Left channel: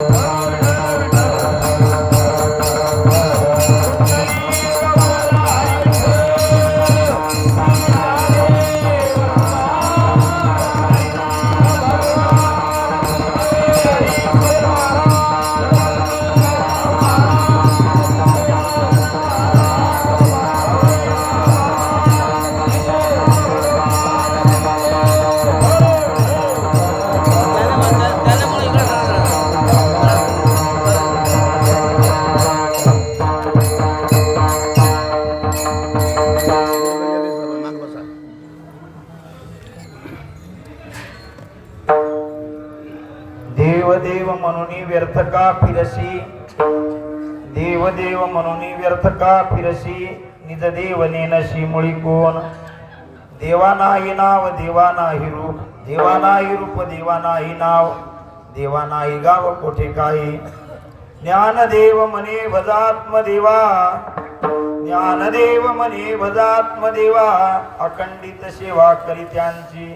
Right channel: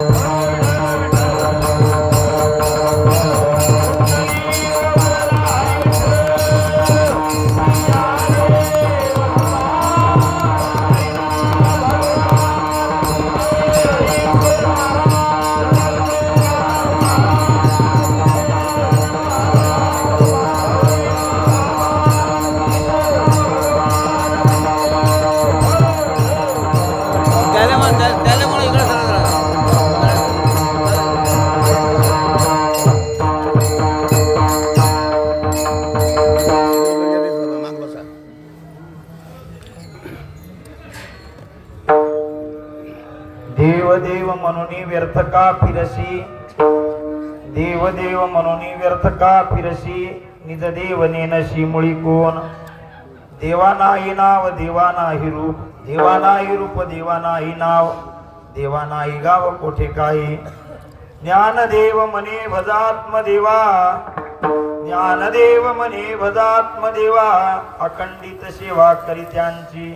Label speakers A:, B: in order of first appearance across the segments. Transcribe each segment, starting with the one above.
A: त्याला
B: व्यर्थ का फिरशी निज देव नेनशी मुळी कोण? देवा नाही नाव देवा नाही रूप देवा नाही रूप देवा नाही नाव देवा नाही गाव कोठे काही? ज्ञानदेव म्हणे भजात्मदेवा ज्ञानदेव म्हणे भजात्मदेवा अखंडित सेवा करी त्यांची.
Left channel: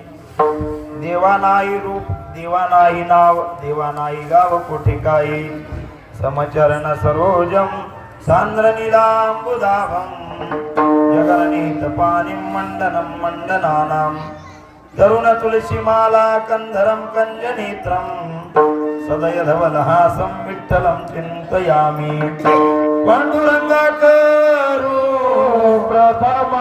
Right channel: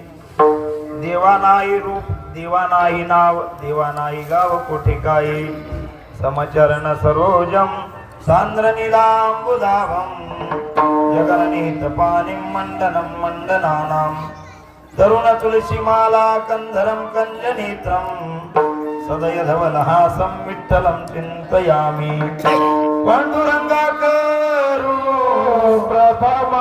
B: देवा नाही रूप देवा नाही नाव देवा नाही गाव कोठे काही? समचरण सरोजम सांद्र निलांबुदाभम जगननीत पाणी मंडनं मंडनानां तरुण तुलसीमाला कंधरं कंजनेत्रं सदय धवलहासं विठ्ठलं चिन्तयामि पाण्डुरङ्गाकरू प्रथम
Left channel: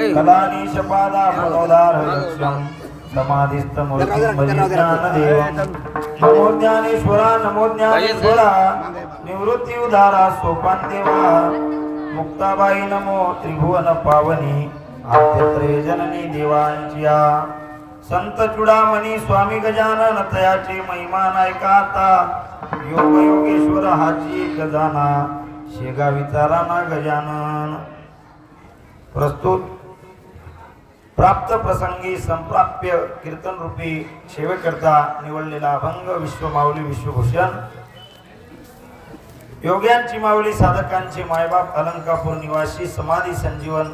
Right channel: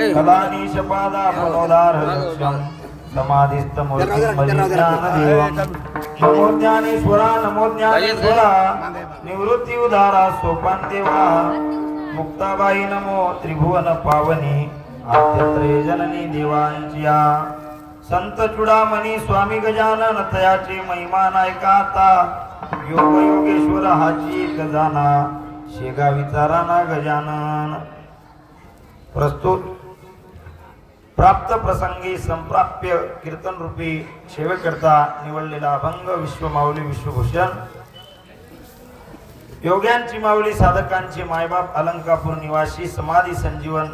A: ए.
B: समाधिस्थ नमो ज्ञानेश्वरा नमो ज्ञानेश्वरा निवृत्ती उदारा सोपान देवा मुक्ताबाई नमो त्रिभुवन पावनी। जननी देवांच्या। संत चुडामणी स्वामी गजानन तयाचे महिमा नायकाता योग योगेश्वर हाची गजाना शेगा विचाराना गजानन। प्रस्तुत प्राप्त प्रसंगी संप्राप्य कीर्तन रूपी सेवेकरता निवडलेला अभंग विश्वमाऊली विश्वभूषण. योग्यांची माऊली साधकांचे मायबाप अलंकापूर निवासी समाधी संजीवन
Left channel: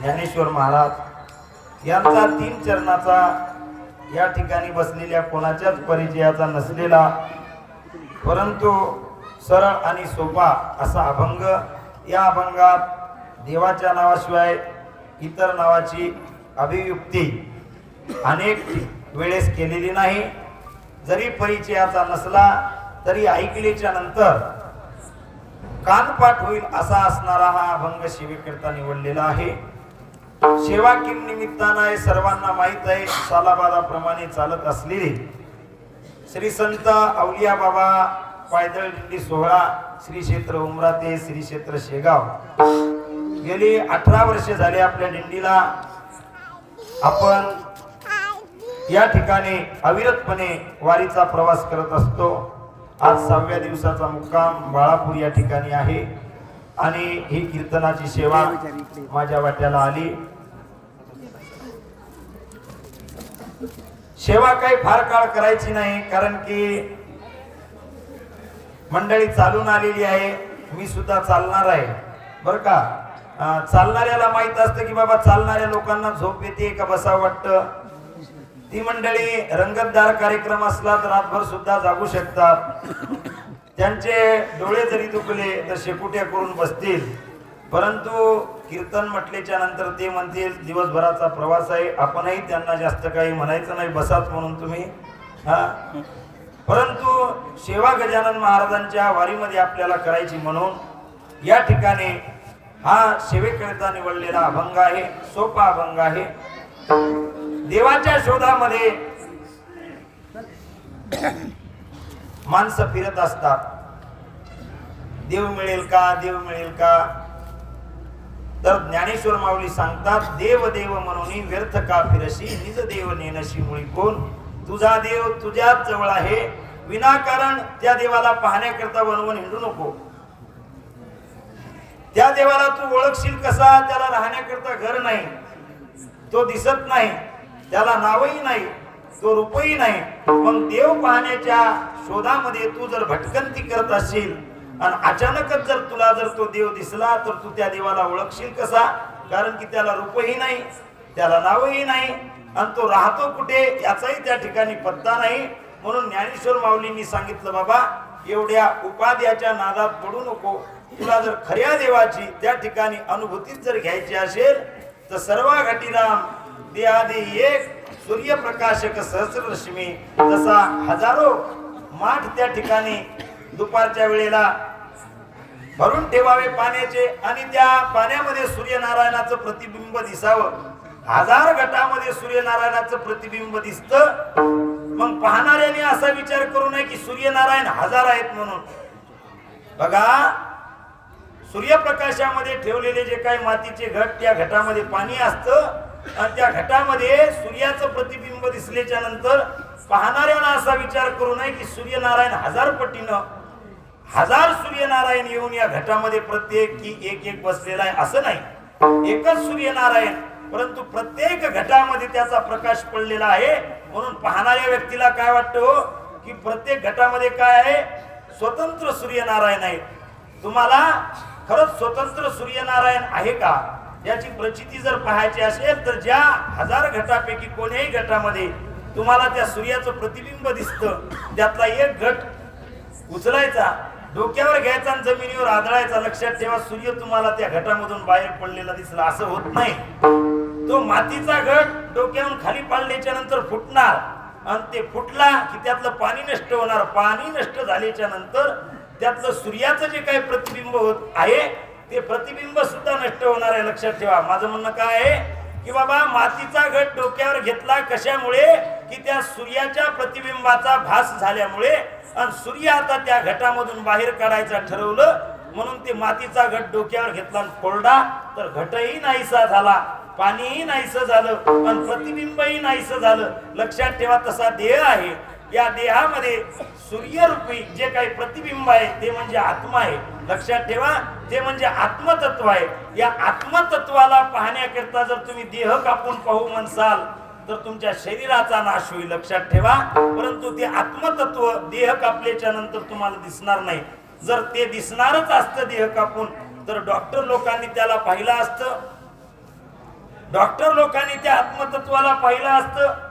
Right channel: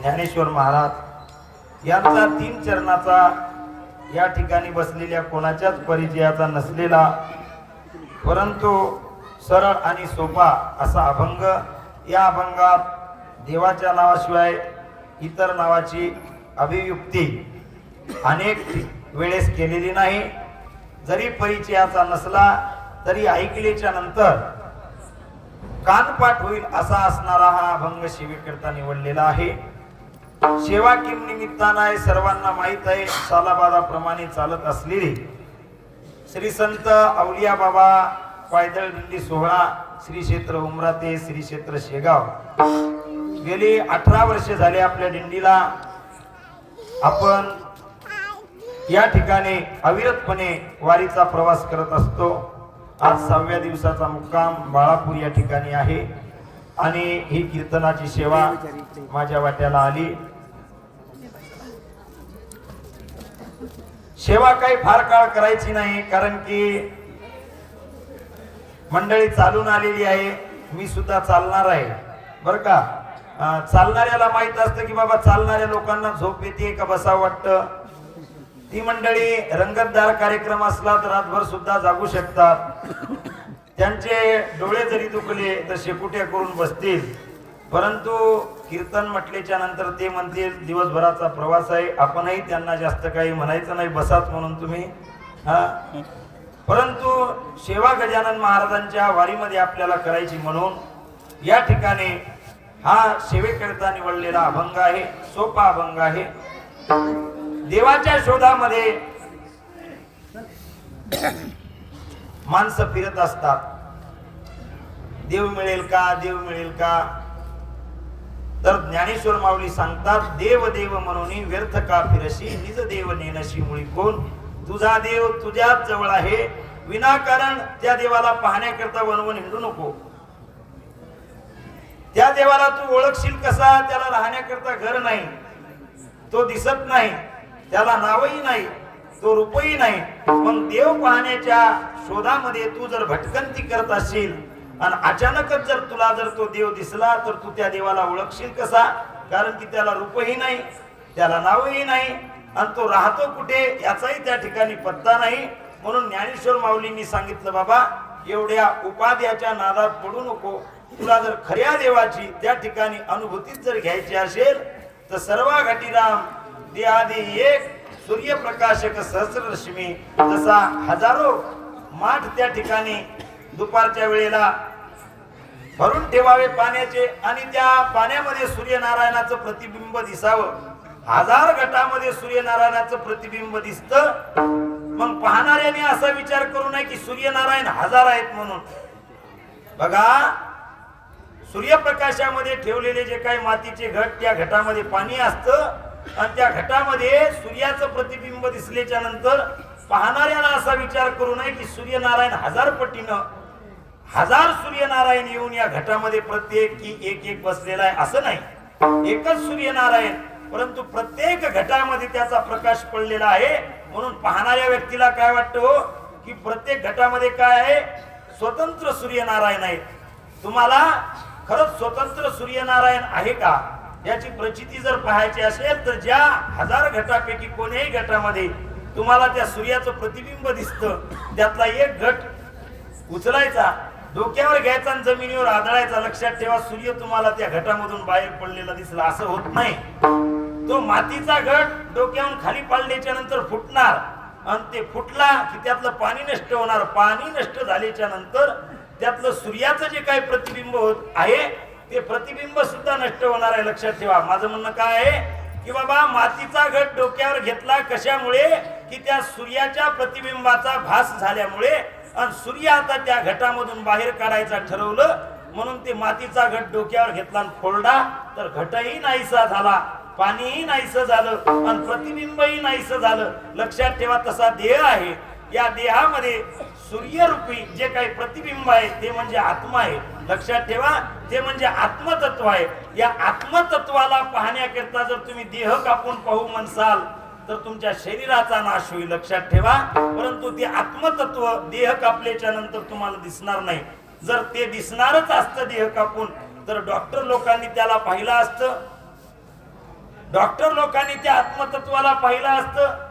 B: ज्ञानेश्वर महाराज यांचा तीन चरणाचा या ठिकाणी बसलेल्या कोणाच्याच परिचयाचा नसलेला परंतु सरळ आणि सोपा असा अभंग या अभंगात देवाच्या नावाशिवाय इतर नावाची अभियुक्ती अनेक वेळेस केलेली नाही. जरी परिचयाचा नसला तरी ऐकल्याच्या नंतर कानपाठ होईल असा असणारा हा अभंग शिवेकरता निवडलेला आहे. सेवा किम निमित्तानं सर्वांना माहीत आहे. सालाबादाप्रमाणे चालत असलेली श्री संत अवलिया बाबा पायदळ दिंडी सोहळा श्री क्षेत्र उमराते श्री क्षेत्र शेगाव. गेली अठरा वर्ष झाले आपल्या दिंडीला. आपण या ठिकाणी अविरतपणे वारीचा प्रवास करत असतो. आज सहाव्या दिवसाचा मुक्काम बाळापूर या ठिकाणी आहे. आणि ही कीर्तनाची सेवा माझ्या वाट्याला आली. सेवा काही फार काळ करायची नाही कारण की मंडळी चालून आलेली आहे. मी सुद्धा चालणार आहे. बर का? चालणाऱ्याला माहीत असतं की बाबा चालणाऱ्या लोकांना झोप येते का बसावं वाटतं? ती मंडळी रंगतदार कार्यक्रम असला तर रातभर सुद्धा जागू शकतात. त्यांचे डोळे जरी दुखले तर शेपुट्या करून बसतील. परंतु कीर्तन म्हटल्याच्या नंतर ते म्हणतील दिवसभराचा प्रवास आहे आपणही त्यांना जास्त काही म्हणायचं नाही बसात म्हणून तुम्ही. हा? परंतु सेवा गजानन महाराजांच्या वारीमध्ये आपल्याला करायची म्हणून या ठिकाणी हा सेवेकरिता निवडलेला अभंग आहे सोपा अभंग आहे. देवाच्या शोधामध्ये माणसं फिरत असतात. देव मिळेल का देव मिळेल का? तर ज्ञानेश्वर माऊली सांगतात देव देव म्हणून व्यर्थ का फिरशी निज देव नेनशी मुळी कोण? तुझा देव तुझ्याच जवळ आहे. विनाकारण त्या देवाला पाहण्याकरता वनवन हिंडू नको. त्या देवाला तू ओळखशील कसा? त्याला राहण्याकरता घर नाही. तो दिसत नाही. त्याला नावही नाही. तो रूपही नाही. पण देव पाहण्याच्या शोधामध्ये तू जर भटकंती करत असशील आणि अचानकच जर तुला जर तो देव दिसला तर तू त्या देवाला ओळखशील कसा? कारण की त्याला रूपही नाही त्याला नावही नाही आणि तो राहतो कुठे याचाही त्या ठिकाणी पत्ता नाही. म्हणून ज्ञानेश्वर माऊलींनी सांगितलं बाबा एवढ्या उपाध्याच्या नादात पडू नको. तुला जर खऱ्या देवाची त्या ठिकाणी अनुभूतीच जर घ्यायची असेल तर सर्वा घटीराम आधी एक सूर्यप्रकाशक सहस्ररश्मी तसा हजारो माठ त्या ठिकाणी दुपारच्या वेळेला भरून ठेवावे पाण्याचे आणि त्या पाण्यामध्ये सूर्यनारायणाचं प्रतिबिंब दिसावं. हजार गटामध्ये सूर्यनारायणाचं प्रतिबिंब दिसत. मग पाहणाऱ्याने असा विचार करू नये की सूर्यनारायण हजार आहेत म्हणून. बघा सूर्यप्रकाशामध्ये ठेवलेले जे काही मातीचे घट त्या घटामध्ये पाणी असतं. आणि त्या घटामध्ये सूर्याचं प्रतिबिंब दिसल्याच्या नंतर पाहणाऱ्यांना असा विचार करू नये की सूर्यनारायण हजार पटीनं हजार सूर्यनारायण येऊन या घटामध्ये प्रत्येक की एक एक बसलेला आहे असं नाही. एकच सूर्यनारायण परंतु प्रत्येक घटामध्ये त्याचा प्रकाश पडलेला आहे. म्हणून पाहणाऱ्या व्यक्तीला काय वाटतं हो? की प्रत्येक घटामध्ये काय आहे? स्वतंत्र सूर्यनारायण आहे. तुम्हाला खरंच स्वतंत्र सूर्यनारायण आहे का? याची प्रचिती जर पाहायची असेल तर ज्या हजार घटापैकी कोणत्याही गटामध्ये तुम्हाला त्या सूर्याचं प्रतिबिंब दिसतं त्यातला एक गट उचलायचा डोक्यावर घ्यायचा आणि जमिनीवर आदळायचा लक्षात ठेवा सूर्य तुम्हाला त्या घटामधून बाहेर पडलेला दिसला. असं होत नाही. तो मातीचा घट डोक्यावरून खाली पाडल्याच्या नंतर फुटणार. आणि ते फुटला की त्यातलं पाणी नष्ट होणार. पाणी नष्ट झाल्याच्यानंतर त्यातलं सूर्याचं जे काही प्रतिबिंब होत आहे ते प्रतिबिंब सुद्धा नष्ट होणार आहे लक्षात ठेवा. माझं म्हणणं काय आहे की बाबा मातीचा घट डोक्यावर घेतला कशामुळे की त्या सूर्याच्या प्रतिबिंबाचा भास झाल्यामुळे आणि सूर्य आता त्या घटामधून बाहेर काढायचा ठरवलं म्हणून ते मातीचा घट डोक्यावर घेतला आणि फोडला तर घटही नाहीसा झाला पाणीही नाहीसं झालं आणि प्रतिबिंबही नाहीसं झालं. लक्षात ठेवा तसा देह आहे. या देहामध्ये सूर्यरूपी जे काही प्रतिबिंब आहे ते म्हणजे आत्मा आहे. लक्षात ठेवा ते म्हणजे आत्मतत्व आहे. या आत्मतत्वाला पाहण्याकरिता जर तुम्ही देह कापून पाहू म्हणसाल तर तुमच्या शरीराचा नाश होईल लक्षात ठेवा. परंतु ते आत्मतत्व देह कापल्याच्या नंतर तुम्हाला दिसणार नाही. जर ते दिसणारच असतं देह कापून तर डॉक्टर लोकांनी त्याला पाहिलं असतं. डॉक्टर लोकांनी त्या आत्मतत्वाला पाहिलं असतं.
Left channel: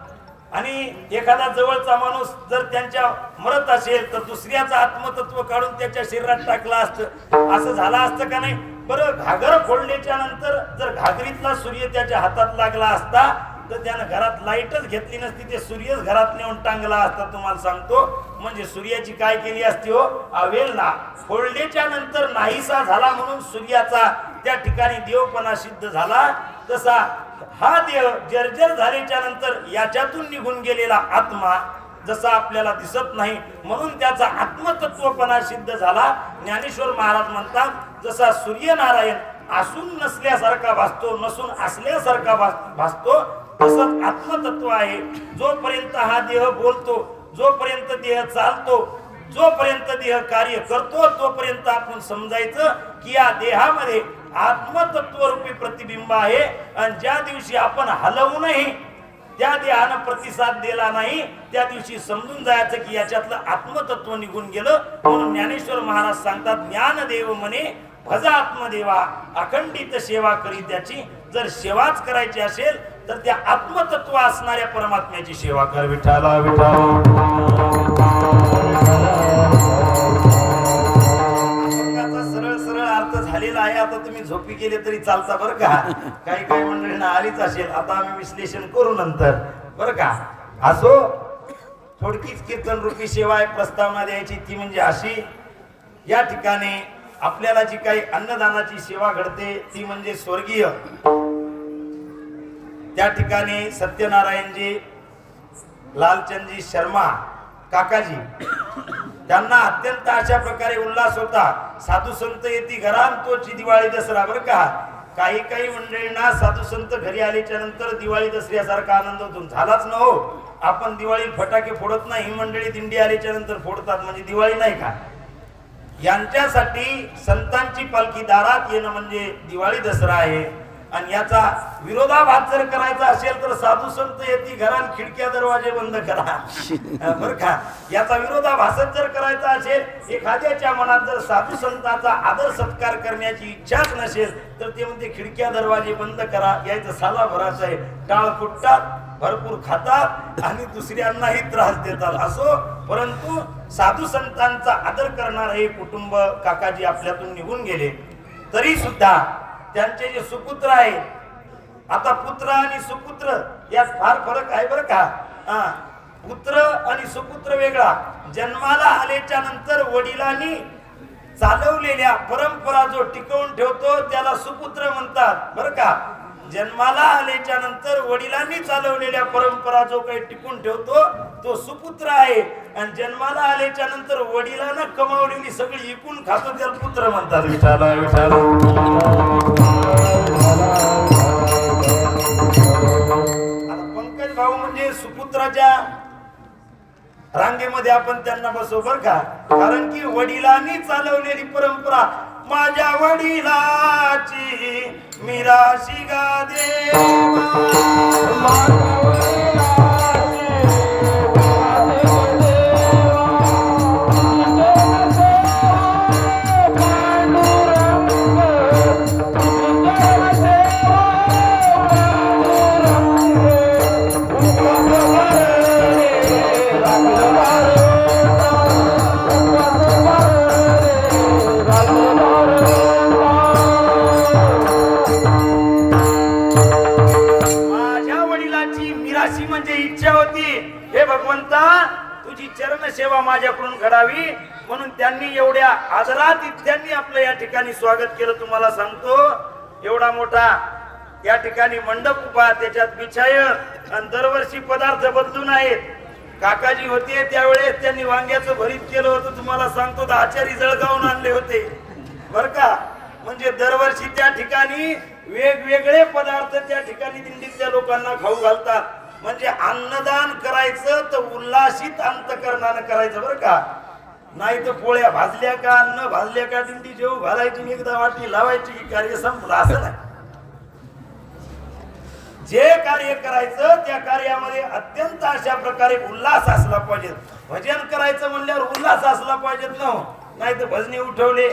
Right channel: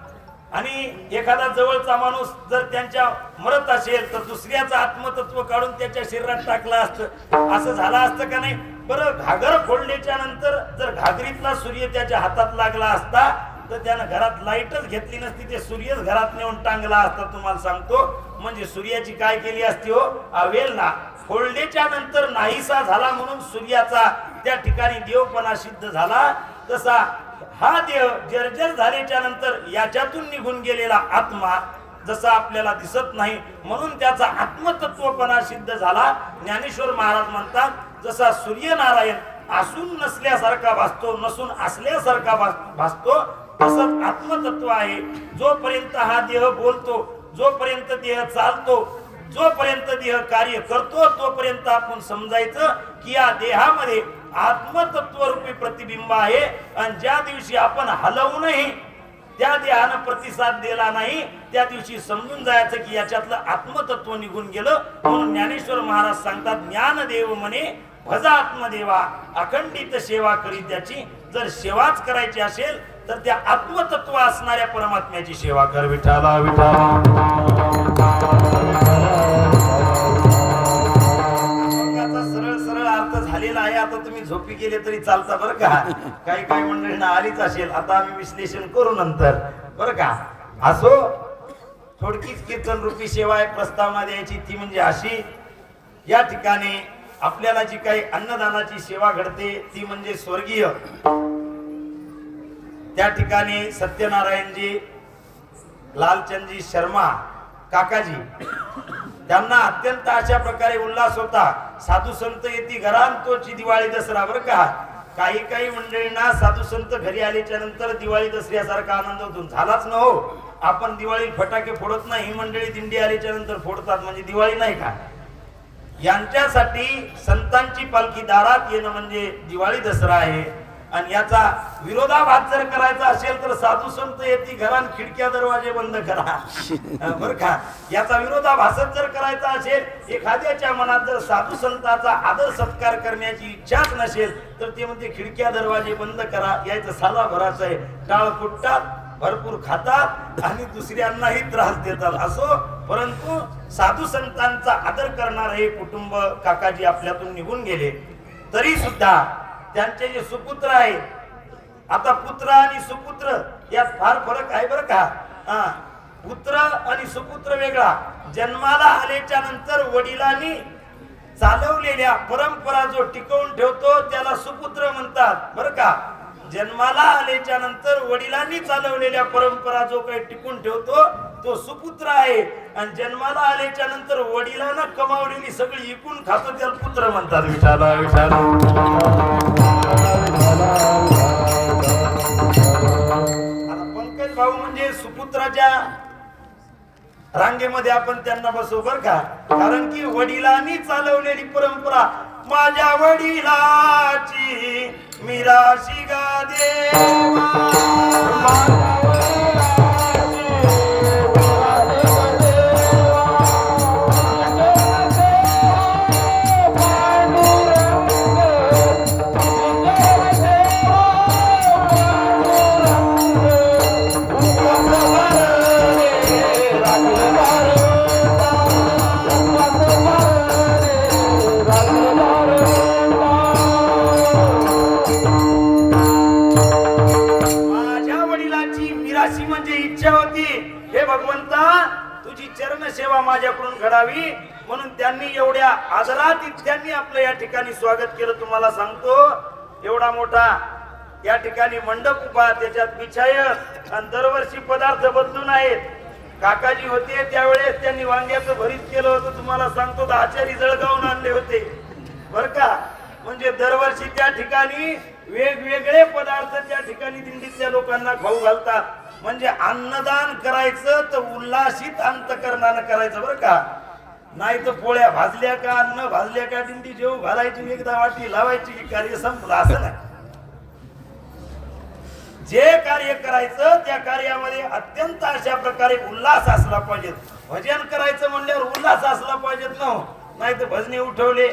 B: आणि एखादा जवळचा माणूस जर त्यांच्या मरत असेल तर दुसऱ्याचं आत्मतत्व काढून त्याच्या शरीरात टाकलं असतं. असं झालं असतं का नाही? बरं घागर फोडल्याच्या नंतर जर घागरीतला सूर्य त्याच्या हातात लागला असता तर त्यानं घरात लाईटच घेतली नसती ते सूर्यच घरात नेऊन टांगला असता. तुम्हाला सांगतो म्हणजे सूर्याची काय केली असती हो? अवेलना. फोडल्याच्या नंतर नाहीसा झाला म्हणून सूर्याचा त्या ठिकाणी देवपणा सिद्ध झाला. तसा हा देह जर्जर झाल्याच्यानंतर याच्यातून निघून गेलेला आत्मा जसा आपल्याला दिसत नाही म्हणून त्याचा आत्मतत्वपणा सिद्ध झाला. ज्ञानेश्वर महाराज म्हणतात जसा सूर्यनारायण असून नसल्यासारखा भासतो नसून असल्यासारखा भास- भासतो असं आत्मतत्व आहे. जोपर्यंत हा देह बोलतो जोपर्यंत देह चालतो जोपर्यंत देह कार्य करतो तोपर्यंत आपण समजायचं की या देहामध्ये आत्मतत्वरूपी प्रतिबिंब आहे. आणि ज्या दिवशी आपण हलवूनही त्या देहानं प्रतिसाद दिला नाही त्या दिवशी समजून जायचं की याच्यातलं आत्मतत्व निघून गेलं. म्हणून ज्ञानेश्वर महाराज सांगतात ज्ञानदेव म्हणे भजा आत्मदेवा अखंडित सेवा करी त्याची. जर सेवाच करायची असेल तर त्या आत्मतत्व असणाऱ्या परमात्म्याची सेवा कर विठाला विठाला आता तुम्ही झोपी गेले तरी चालता बरं का? काही काही मंडळींना आलीच असेल. आता आम्ही विश्लेषण करू नंतर. बरं का? असो थोडकीच कीर्तन रूपी सेवा एक प्रस्तावना द्यायची. ती म्हणजे अशी या ठिकाणी आपल्याला जी काही अन्नदानाची सेवा घडते ती म्हणजे स्वर्गीय. त्या ठिकाणी सत्यनारायणजी लालचंदजी शर्मा काकाजी त्यांना अत्यंत अशा प्रकारे उल्हास होता. साधू संत येते घरान तोची दिवाळी दसरा बरं का? काही काही मंडळींना साधू संत घरी आल्याच्यानंतर दिवाळी दसऱ्यासारखा आनंद होतो. झालाच न हो. आपण दिवाळी फटाके फोडत नाही ही मंडळी दिंडी आल्याच्यानंतर फोडतात म्हणजे दिवाळी नाही का? यांच्यासाठी संतांची पालखी दारात येणं म्हणजे दिवाळी दसरा आहे. आणि याचा विरोधाभास जर करायचा असेल तर साधू संत येते घरान खिडक्या दरवाजे बंद करा. बर का? याचा विरोधाभासच जर करायचा असेल एखाद्याच्या मनात जर साधू संतांचा आदर सत्कार करण्याची इच्छाच नसेल तर ते म्हणते खिडक्या दरवाजे बंद करा. यायचं साधा भराचं आहे. टाळ फुटतात भरपूर खातात आणि दुसऱ्यांनाही त्रास देतात. असो परंतु साधू संतांचा आदर करणार हे कुटुंब काकाजी आपल्यातून निघून गेले. तरी सुद्धा त्यांचे जे सुपुत्र आहे आता पुत्र आणि सुपुत्र यात फार फरक आहे बरं का? हा. पुत्र आणि सुपुत्र वेगळा. जन्माला आल्याच्यानंतर वडिलांनी चालवलेल्या परंपरा जो टिकवून ठेवतो त्याला सुपुत्र म्हणतात. बरं का? जन्माला आल्याच्यानंतर वडिलांनी चालवलेल्या परंपरा जो काही टिकून ठेवतो तो सुपुत्र आहे. आणि जन्माला आल्याच्यानंतर वडिलांना कमावलेली सगळी इकून खातो त्याला पुत्र म्हणतात. विचारा विचारा सुपुत्राच्या रांगेमध्ये आपण त्यांना बसवू बर का? कारण की वडिलांनी चालवलेली परंपरा माझ्या वडिलाची मिराशी गा देवा अशी म्हणजे इच्छा होती हे भगवंता तुझी चरण सेवा माझ्याकडून घडावी. म्हणून त्यांनी एवढ्या आदरात त्यांनी आपलं या ठिकाणी स्वागत केलं तुम्हाला सांगतो. एवढा मोठा या ठिकाणी मंडप उभा त्याच्यात बिछाय आणि दरवर्षी पदार्थ बदलून आहेत. काकाजी होते त्यावेळेस त्यांनी वांग्याचं भरीत केलं होतं. तुम्हाला सांगतो तर आचारी जळगावून आणले होते. बर का? म्हणजे दरवर्षी त्या ठिकाणी वेगवेगळे पदार्थ त्या ठिकाणी दिंडीतल्या लोकांना खाऊ घालतात. म्हणजे अन्नदान करायचं तर उल्हासित अंतकरणानं करायचं बरं का. नाही तर पोळ्या भाजल्या का अन्न भाजल्या का दिंडी जेव घालायची एकदा वाटी लावायची की कार्य संपलं असं नाही. जे कार्य करायचं त्या कार्यामध्ये अत्यंत अशा प्रकारे उल्हास असला पाहिजे भजन करायचं म्हणल्यावर उल्हास असला पाहिजेत न हो. नाही तर भजने उठवले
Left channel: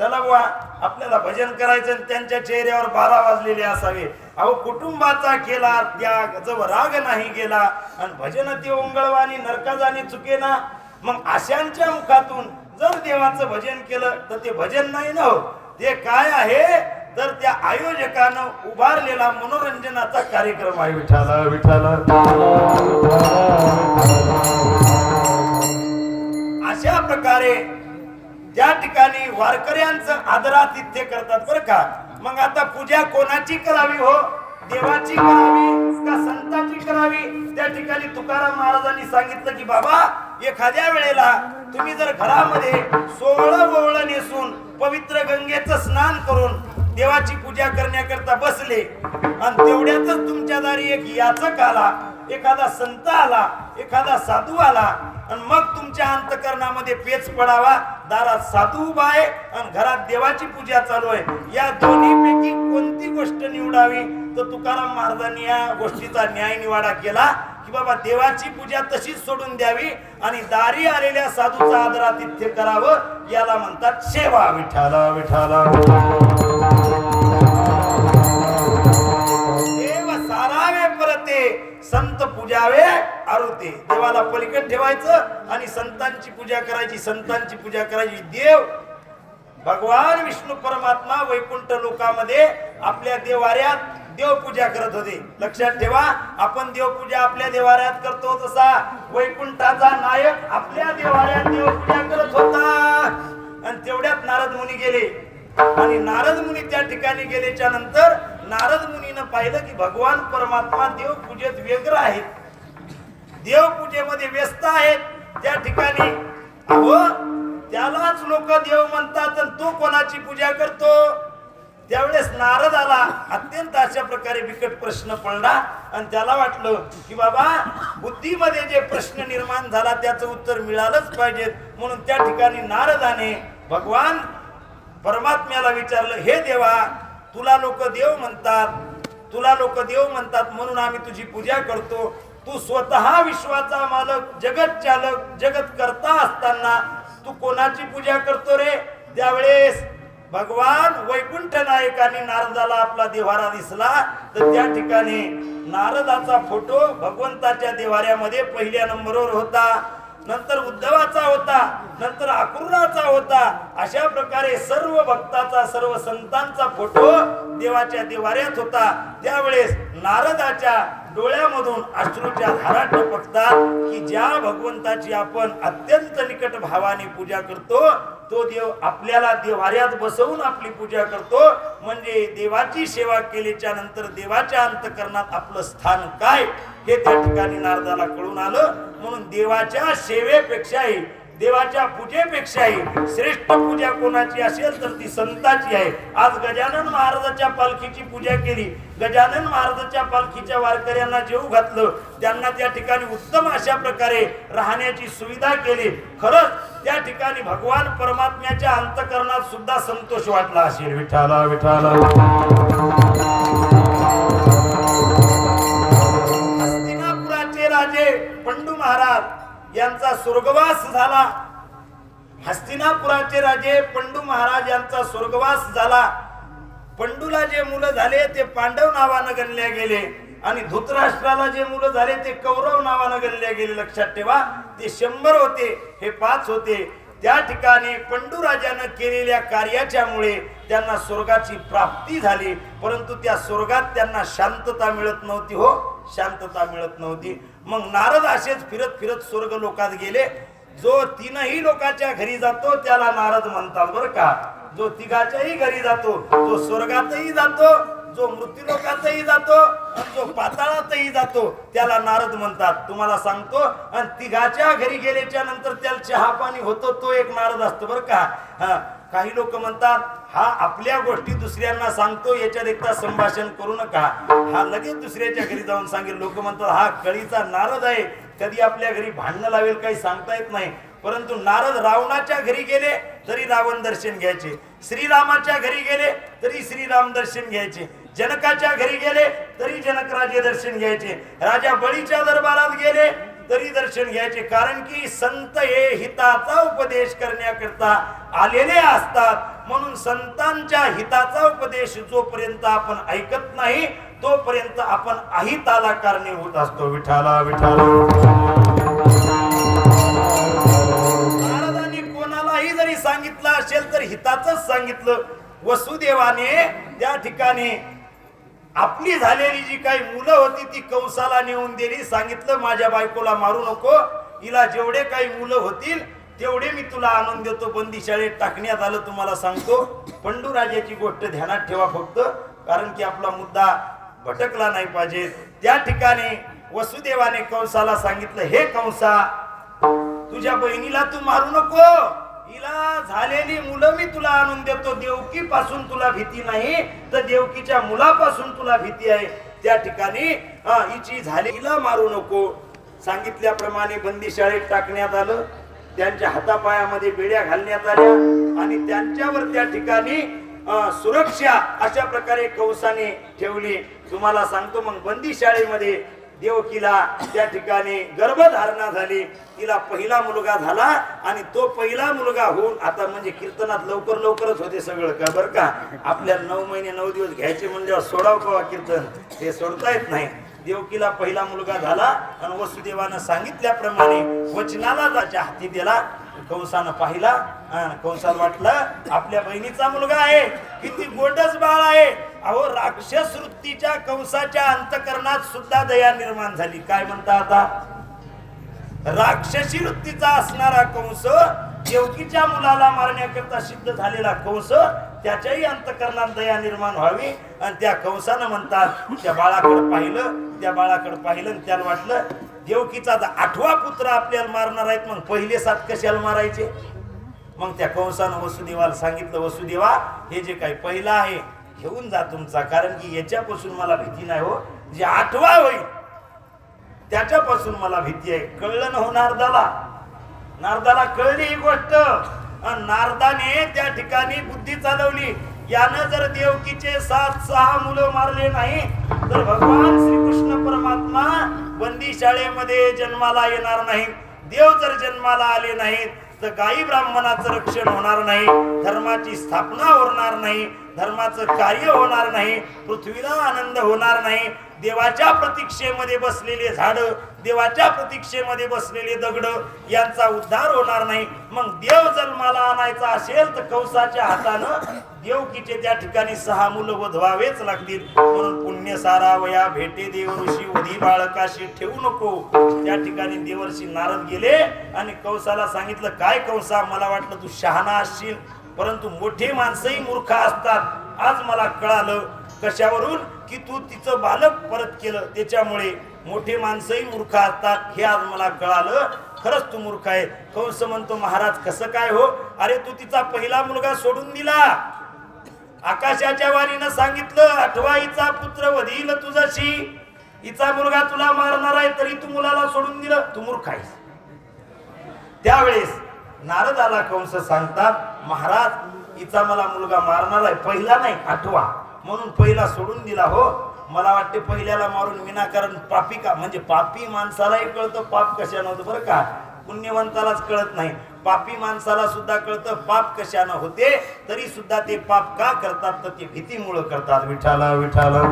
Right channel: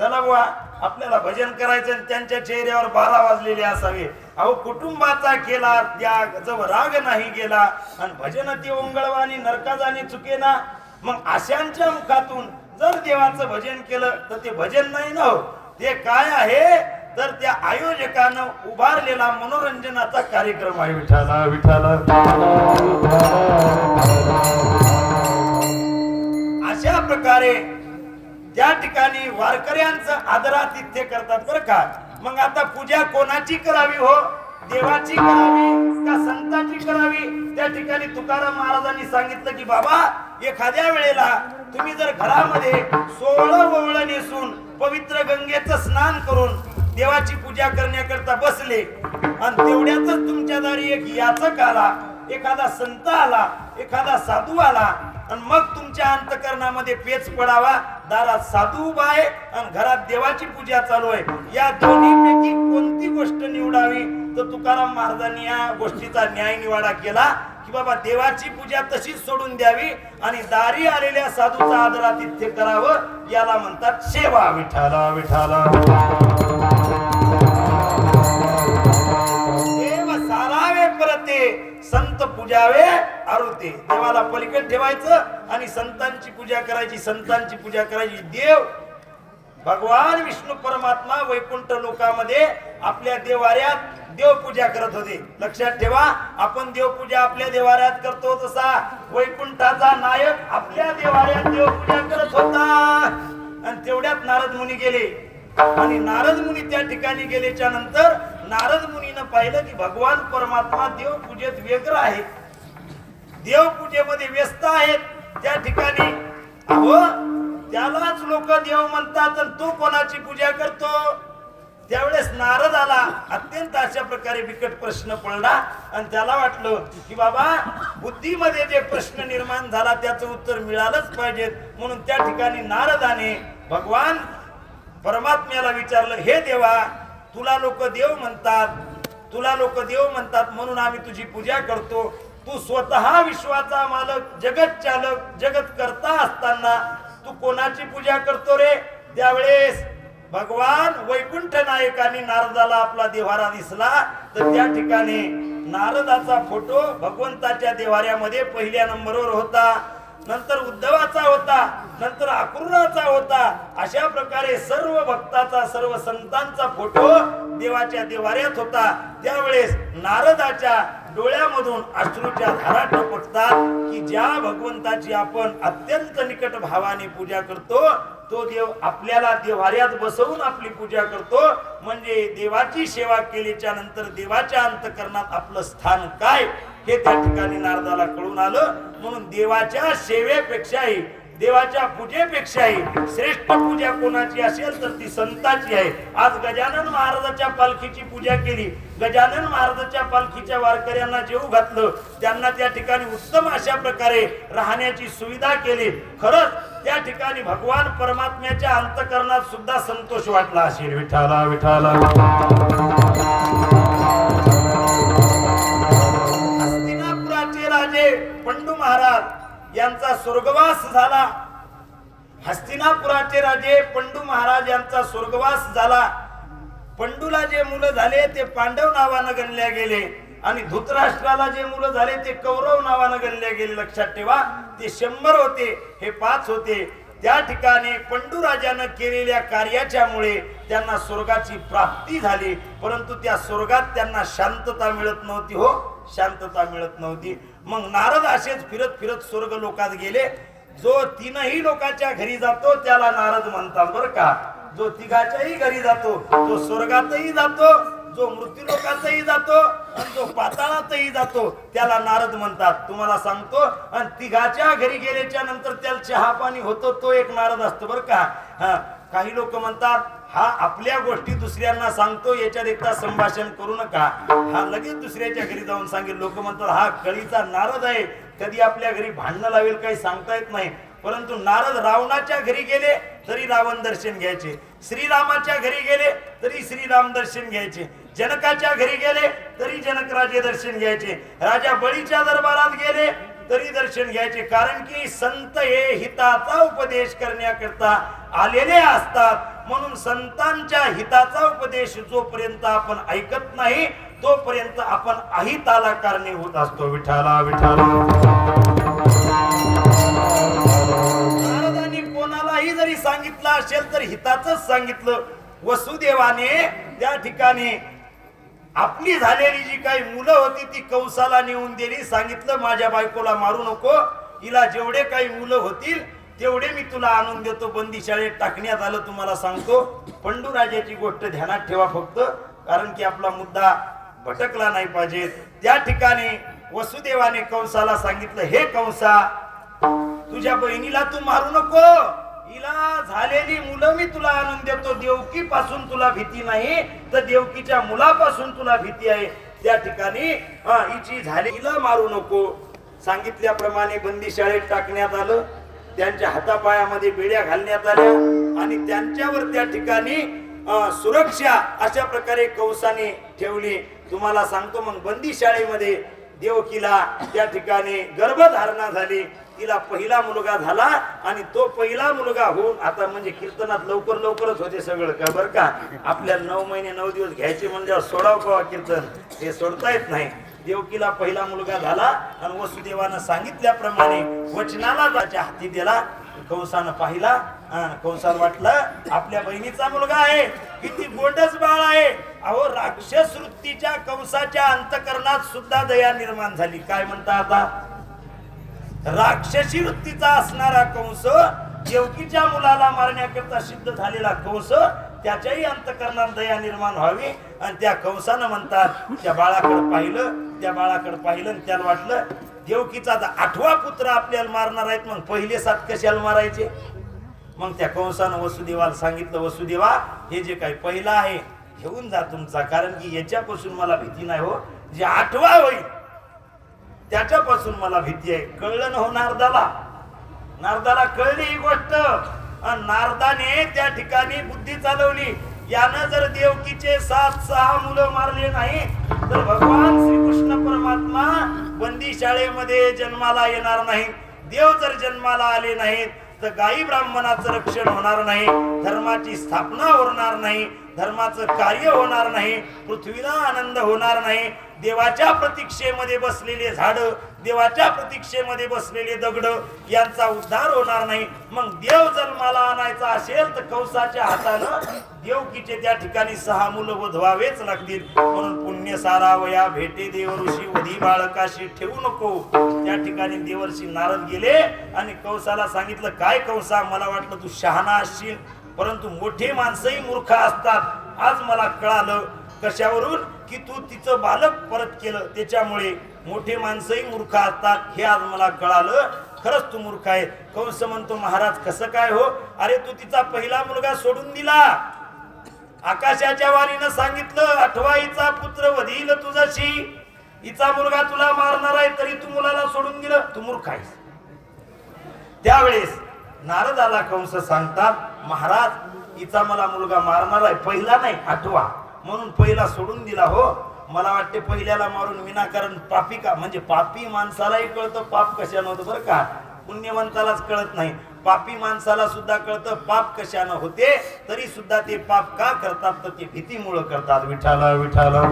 B: चला बुवा आपल्याला भजन करायचं आणि त्यांच्या चेहऱ्यावर बारा वाजलेले असावे. अहो कुटुंबाचा केला त्याग जव राग नाही गेला. आणि भजन ते ओंगळवानी नरकाजाने चुके ना मग अशांच्या मुखातून जर देवाचं भजन केलं तर ते भजन नाही ना हो. ते काय आहे? तर त्या आयोजकानं उभारलेला मनोरंजनाचा कार्यक्रम आहे विठाला विठाला अशा प्रकारे ज्या ठिकाणी वारकऱ्यांचं आदरातिथ्य करतात बरं का मग आता पूजा कोणाची करावी हो? देवाची करावी का संतांची करावी? त्या ठिकाणी तुकाराम महाराजांनी सांगितलं की बाबा एखाद्या वेळेला तुम्ही जर घरामध्ये सोहळं ओवळं नेसून पवित्र गंगेचं स्नान करून देवाची पूजा करण्याकरता बसले आणि तेवढ्यातच तुमच्या दारी एक याचक आला एखादा संत आला एखादा साधू आला आणि मग तुमच्या अंतकरणामध्ये पेच पडावा दारात साधू उभा आहे आणि घरात देवाची पूजा चालू आहे. या दोन्हीपैकी कोणती गोष्ट निवडावी? तर तुकाराम महाराजांनी या गोष्टीचा न्याय निवाडा केला की बाबा देवाची पूजा तशीच सोडून द्यावी आणि दारी आलेल्या साधूचा आदरातिथ्य करावं याला म्हणतात सेवा विठाला विठाला संत पूजावे आरुते. देवाला पलीकडे ठेवायचं आणि संतांची पूजा करायची संतांची पूजा करायची. देव भगवान विष्णू परमात्मा वैकुंठ लोकामध्ये आपल्या देवाऱ्यात देवपूजा करत होते. लक्षात ठेवा आपण देवपूजा आपल्या देवाऱ्यात करतो तसा. वैकुंठाचा नायक आपल्या देवाऱ्यात देवपूजा करत होता. आणि तेवढ्यात नारद मुनी गेले. आणि नारद मुनी त्या ठिकाणी गेल्याच्यानंतर नारद मुनीनं पाहिलं की भगवान परमात्मा देवपूजेत व्यग्र आहेत. देवपूजेमध्ये व्यस्त आहेत. त्या ठिकाणी अहो त्यालाच लोक देव म्हणतात आणि तो कोणाची पूजा करतो? त्यावेळेस नारद आला. अत्यंत अशा प्रकारे बिकट प्रश्न पडला आणि त्याला वाटलं की बाबा बुद्धीमध्ये जे प्रश्न निर्माण झाला त्याचं उत्तर मिळालंच पाहिजे. म्हणून त्या ठिकाणी नारदाने भगवान परमात्म्याला विचारलं हे देवा तुला लोक देव म्हणतात. तुला लोक देव म्हणतात म्हणून आम्ही तुझी पूजा करतो. तू स्वतः विश्वाचा मालक जगत चालक जगत करता असताना तू कोणाची पूजा करतो रे? त्यावेळेस भगवान वैकुंठ नायकांनी नारदाला आपला देवारा दिसला तर त्या ठिकाणी नारदाचा फोटो भगवंताच्या देवाऱ्यामध्ये पहिल्या नंबरवर होता. नंतर उद्धवाचा होता नंतर अकुर्णाचा होता अशा प्रकारे सर्व भक्ताचा सर्व संतांचा फोटो देवाच्या देवाऱ्यात होता. त्यावेळेस नारदाच्या डोळ्यामधून अश्रूच्या धारा टपकतात की ज्या भगवंताची आपण अत्यंत निकट भावाने पूजा करतो तो देव आपल्याला देवाऱ्यात बसवून आपली पूजा करतो. म्हणजे देवाची सेवा केल्याच्यानंतर देवाच्या अंतकरणात आपलं स्थान काय? हे त्या ठिकाणी नारदाला कळून आलं. म्हणून देवाच्या सेवेपेक्षाही देवाच्या पूजेपेक्षाही श्रेष्ठ पूजा कोणाची असेल तर ती संताची आहे. आज गजानन महाराजाच्या पालखीची पूजा केली. गजानन महाराजाच्या पालखीच्या वारकऱ्यांना जेव घातलं. त्यांना त्या ठिकाणी उत्तम अशा प्रकारे राहण्याची सुविधा केली. खरंच त्या ठिकाणी भगवान परमात्म्याच्या अंतकरणात सुद्धा संतोष वाटला. असेल विठाला विठाला हस्तिनापुराचे पंडू महाराज यांचा स्वर्गवास झाला. हस्तिनापुराचे राजे पंडू महाराज यांचा स्वर्गवास झाला. पंडूला जे मुलं झाले ते पांडव नावानं गणल्या गेले. आणि धृतराष्ट्राला जे मुलं झाले ते कौरव नावानं गणल्या गेले. लक्षात ठेवा ते शंभर होते हे पाच होते. त्या ठिकाणी पंडू राजानं केलेल्या कार्याच्यामुळे त्यांना स्वर्गाची प्राप्ती झाली. परंतु त्या स्वर्गात त्यांना शांतता मिळत नव्हती हो. शांतता मिळत नव्हती. मग नारद असेच फिरत फिरत स्वर्ग लोकात गेले. जो तीनही लोकांच्या घरी जातो त्याला नारद म्हणतात बरं का. जो तिघाच्याही घरी जातो तो स्वर्गातही जातो. जो मृत्यूलोकातही जातो आणि जो पाताळातही जातो त्याला नारद म्हणतात. तुम्हाला सांगतो आणि तिघाच्या घरी गेल्याच्यानंतर त्याला चहा पाणी होतो तो एक नारद असतो बरं का. हा काही लोक म्हणतात हा आपल्या गोष्टी दुसऱ्यांना सांगतो याच्यात एकदा संभाषण करू नका. हा लगेच दुसऱ्याच्या घरी जाऊन सांगेल. लोक म्हणतात हा कळीचा नारद आहे कधी आपल्या घरी भांडणं लावेल काही सांगता येत नाही. परंतु नारद रावणाच्या घरी गेले तरी रावण दर्शन घ्यायचे. श्रीरामाच्या घरी गेले तरी श्रीराम दर्शन घ्यायचे. जनकाच्या घरी गेले तरी जनकराजे दर्शन घ्यायचे. राजा बळीच्या दरबारात गेले तरी दर्शन घ्यायचे. कारण की संत हे हिताचा उपदेश करण्याकरता आलेले असतात. म्हणून संतांच्या हिताचा उपदेश जोपर्यंत आपण ऐकत नाही तोपर्यंत आपण अहिताला कारणीभूत असतो. विठाला विठाला. महाराजांनी कोणालाही जरी सांगितलं असेल तर हिताच सांगितलं. वसुदेवाने त्या ठिकाणी आपली झालेली जी काही मुलं होती ती कंसाला नेऊन दिली. सांगितलं माझ्या बायकोला मारू नको. हिला जेवढे काही मुलं होतील तेवढे मी तुला आणून देतो. बंदी शाळेत टाकण्यात आलं तुम्हाला सांगतो. पंडूराजाची गोष्ट ध्यानात ठेवा फक्त कारण की आपला मुद्दा भटकला नाही पाहिजे. त्या ठिकाणी वसुदेवाने कंसाला सांगितलं हे कंसा तुझ्या बहिणीला तू मारू नको. हिला झालेली मुलं मी तुला आणून देतो. देवकी पासून तुला भीती नाही. तर देवकीच्या मुलापासून तुला भीती आहे. त्या ठिकाणी हा हिची झाली हिला मारू नको. सांगितल्याप्रमाणे बंदी शाळेत टाकण्यात आलं. त्यांच्या हातापायामध्ये बेड्या घालण्यात आल्या. आणि त्यांच्यावर त्या ठिकाणी सुरक्षा अशा प्रकारे कवसाने ठेवली. तुम्हाला सांगतो मग बंदी शाळेमध्ये देवकीला त्या ठिकाणी गर्भधारणा झाली. तिला पहिला मुलगा झाला आणि तो पहिला मुलगा होऊन आता म्हणजे कीर्तनात लवकर लवकरच होते सगळं का बरं का? आपल्याला नऊ महिने नऊ दिवस घ्यायचे म्हणजे सोडाव का कीर्तन? ते सोडता येत नाही. देवकीला पहिला मुलगा झाला आणि वसुदेवानं सांगितल्याप्रमाणे वचनाला त्याच्या हाती दिला. कंसानं पाहिला आणि कंसाला वाटलं आपल्या बहिणीचा मुलगा आहे. किती गोंडस बाळ आहे. अहो राक्षस वृत्तीच्या कंसाच्या अंतकरणात सुद्धा दया निर्माण झाली. काय म्हणता आता? राक्षसी वृत्तीचा असणारा कंस देवकीच्या मुलाला मारण्याकरता सिद्ध झालेला कंस त्याच्याही अंतकरणात दया निर्माण व्हावी. आणि त्या कंसानं म्हणतात त्या बाळाकडे पाहिलं त्या बाळाकडे पाहिलं आणि त्याला वाटलं देवकीचा आठवा पुत्र आपल्याला मारणार आहेत मग पहिले सात कशाला मारायचे? मग त्या कंसानं वसुदेवाला सांगितलं वसुदेवा हे जे काही पहिला आहे घेऊन जा तुमचा. कारण की याच्यापासून मला भीती नाही हो. जे आठवा होईल त्याच्यापासून मला भीती आहे. कळलं ना हो नारदाला? नारदाला कळली ही गोष्ट. नारदाने त्या ठिकाणी बुद्धी चालवली. यानं जर देवकीचे सात सहा मुलं मारले नाही तर भगवान श्रीकृष्ण परमात्मा बंदी शाळेमध्ये जन्माला येणार नाही. देव जर जन्माला आले नाहीत तर गायी ब्राह्मणाचं रक्षण होणार नाही. धर्माची स्थापना होणार नाही. धर्माचं कार्य होणार नाही. पृथ्वीला आनंद होणार नाही. देवाच्या प्रतीक्षेमध्ये बसलेले झाड देवाच्या प्रतीक्षेमध्ये बसलेले दगड यांचा उद्धार होणार नाही. मग देव जन्माला आणायचा असेल तर कौसाच्या हातानं देवकीचे त्या ठिकाणी सहा मुलं वधवावेच लागतील. म्हणून पुण्य सारावया भेटे देवऋषी वधी बाळकाशी ठेवू नको. त्या ठिकाणी देवर्षी नारद गेले आणि कौसाला सांगितलं काय कौसा? मला वाटलं तू शहाणा असशील परंतु मोठे माणसंही मूर्ख असतात. आज मला कळालं कशावरून? की तू तिचं बालक परत केलं. त्याच्यामुळे मोठे माणसंही मूर्ख असतात हे आज मला कळालं. खरंच तू मूर्ख आहे. कंस म्हणतो महाराज कसं काय हो? अरे तू तिचा पहिला मुलगा सोडून दिला. आकाशाच्या वाणीनं सांगितलं अठवाईचा पुत्र वधील तुझ्याशी. हिचा मुलगा तुला मारणार आहे तरी तू मुलाला सोडून दिलं. तू मूर्ख आहेस. त्यावेळेस नारदाला कंस सांगतात महाराज हिचा मला मुलगा मारणार आहे. पहिला नाही आठवा. म्हणून पहिला सोडून दिला हो. मला वाटते पहिल्याला मारून विनाकारण पापी का? म्हणजे पापी माणसालाही कळतं पाप कशानं होतं बरं का? पुण्यवंतालाच कळत नाही. पापी माणसाला सुद्धा कळतं पाप कशानं होते तरी सुद्धा ते पाप का करतात? तर ते भीतीमुळं करतात. विठाला विठाला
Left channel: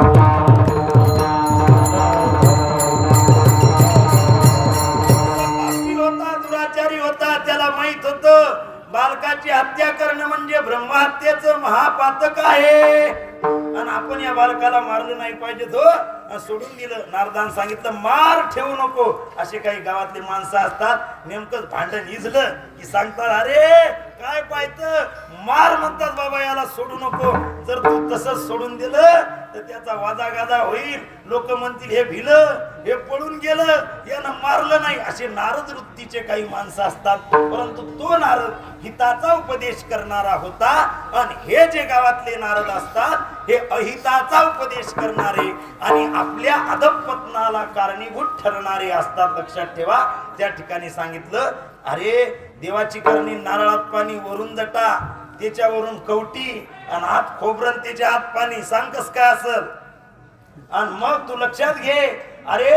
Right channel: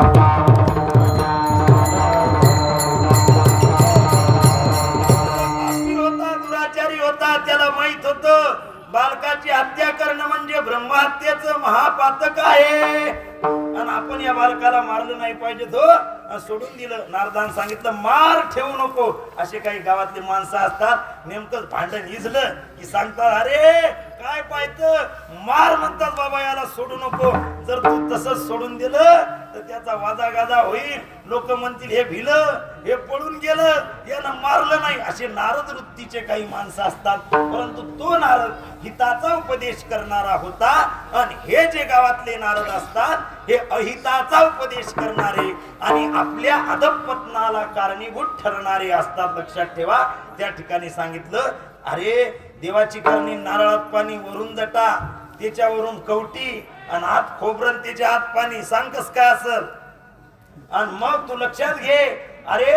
B: पापी होता दुराचारी होता त्याला माहीत होत. बालकाची हत्या करणं म्हणजे ब्रह्महत्येच महापातक आहे. आणि आपण या बालकाला मारलं नाही पाहिजे तो. सोडून दिलं. नारदान सांगितलं मार ठेवू नको. असे काही गावातली माणसं असतात. नेमकं भांडण इजलं की सांगतात अरे काय पाहत? मार म्हणतात बाबा याला सोडू नको. जर तू तसंच सोडून दिलं तर त्याचा वादा गादा होईल. लोक म्हणतील हे भिल हे पळून गेलं यानं मारलं नाही. असे नारद वृत्तीचे काही माणसं असतात. परंतु तो नारद हिताचा उपदेश करणारा होता. आणि हे जे गावातले नारद असतात हे अहिताचा उपदेश करणारे आणि आपल्या अधपतनाला कारणीभूत ठरणारे असतात. लक्षात ठेवा त्या ठिकाणी सांगितलं अरे देवाची करणी नारळात पाणी वरून जटा त्याच्यावरून कवटी आणि आत खोबरं तिच्या त्याच्या आत पाणी. सांग कस काय असल? आणि मग तू लक्षात घे अरे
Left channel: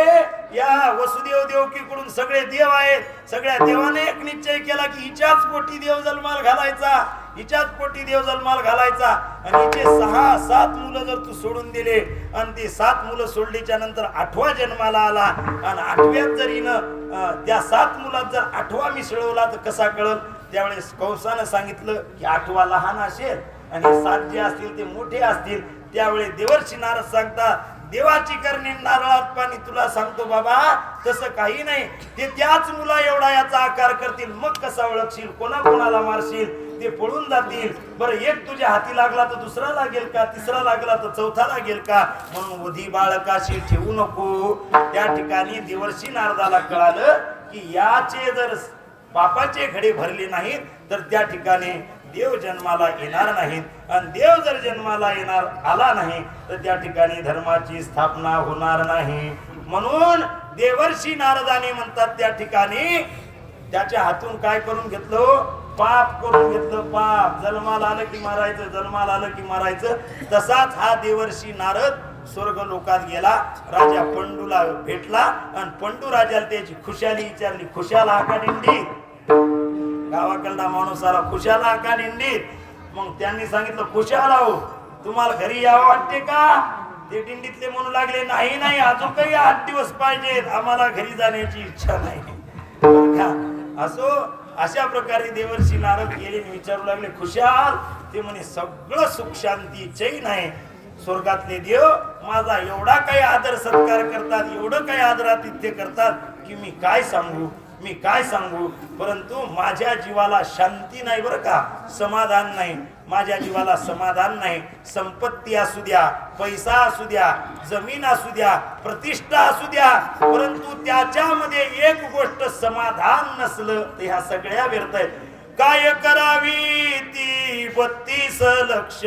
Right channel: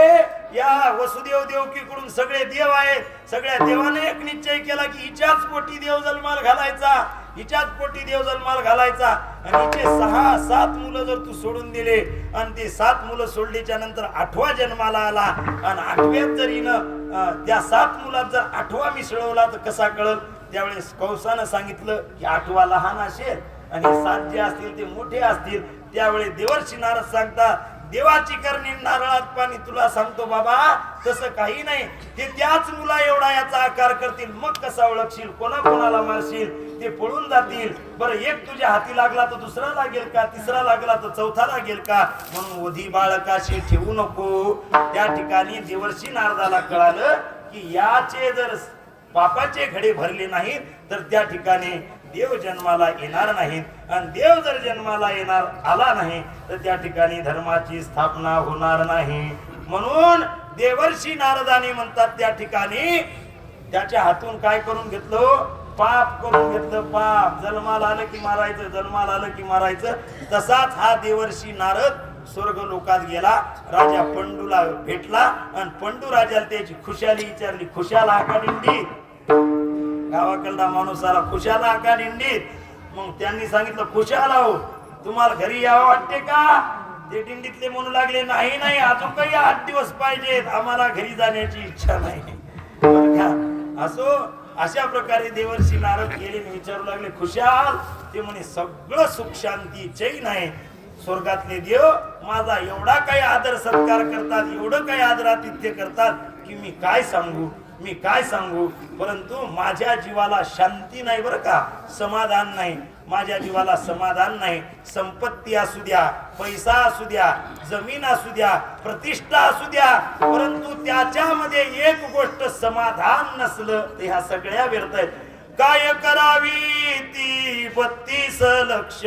B: या वसुदेव देवकीकडून सगळे देव आहेत. सगळ्या देवाने एक निश्चय केला की हिच्याच पोटी देव जन्माल घालायचा. हिच्याच पोटी देव जन्माल घालायचा. आणि हिचे सहा सात मुलं जर तू सोडून दिले आणि ते सात मुलं सोडलीच्या नंतर आठवा जन्माला आला आणि आठव्यात जर हिनं त्या सात मुलात जर आठवा मिसळवला तर कसा कळल? त्यावेळेस कंसानं सांगितलं की आठवा लहान असेल आणि सात जे असतील ते मोठे असतील. त्यावेळेस देवर्षी नारद सांगतात देवाची करणी नारळात पाणी तुला सांगतो बाबा तसं काही नाही. ते त्याच मुला एवढा याचा आकार करतील. मग कसा ओळखशील? कोणा कोणाला मारशील? ते पळून जातील. बरं एक तुझ्या हाती लागला तर दुसरा लागेल का? तिसरा लागला तर चौथा लागेल का? म्हणून वधी बाळकाशी ठेवू नको. त्या ठिकाणी देवर्षी नारदाला कळालं की याचे जर पापाचे घडे भरले नाहीत तर त्या ठिकाणी देव जन्माला येणार नाहीत. आणि देव जर जन्माला येणार आला नाही तर त्या ठिकाणी धर्माची स्थापना होणार नाही. म्हणून देवर्षी नारदाने म्हणतात त्या ठिकाणी त्याच्या हातून काय करून घेतलं? पाप करून घेतलं पाप. जन्माला आलं की मारायचं जन्माला आलं की मारायचं. तसाच हा देवर्षी नारद स्वर्ग लोकात गेला राजा पंडूला भेटला आणि पंडू राजाला त्याची खुशाली विचारली खुशाल का दिंडी? गावाकडला माणूस आला खुशाल का दिंडीत मग त्यांनी सांगितलं खुशाल आहो तुम्हाला घरी यावं वाटते का? ते दिंडीतले म्हणू लागले नाही नाही अजून काही आठ दिवस पाहिजेत. आम्हाला घरी जाण्याची इच्छा नाही. असो अशा प्रकारे देवर्षी नारद गेले. विचारू लागले खुशाल ते म्हणे सगळं सुख शांती चैन आहे स्वर्गातले देव माझा एवढा काही आदर सत्कार करतात एवढं काही आदरातिथ्य करतात की मी काय सांगू? मी काय सांगू? परंतु माझ्या जीवाला शांती नाही बरं का? समाधान नाही. माझ्या जीवाला समाधान नाही. संपत्ती असू द्या पैसा असू द्या जमीन असू द्या प्रतिष्ठा असू द्या परंतु त्याच्यामध्ये एक गोष्ट समाधान नसलं तर ह्या सगळ्या व्यर्थ आहेत. काय करावी ती बत्तीस लक्ष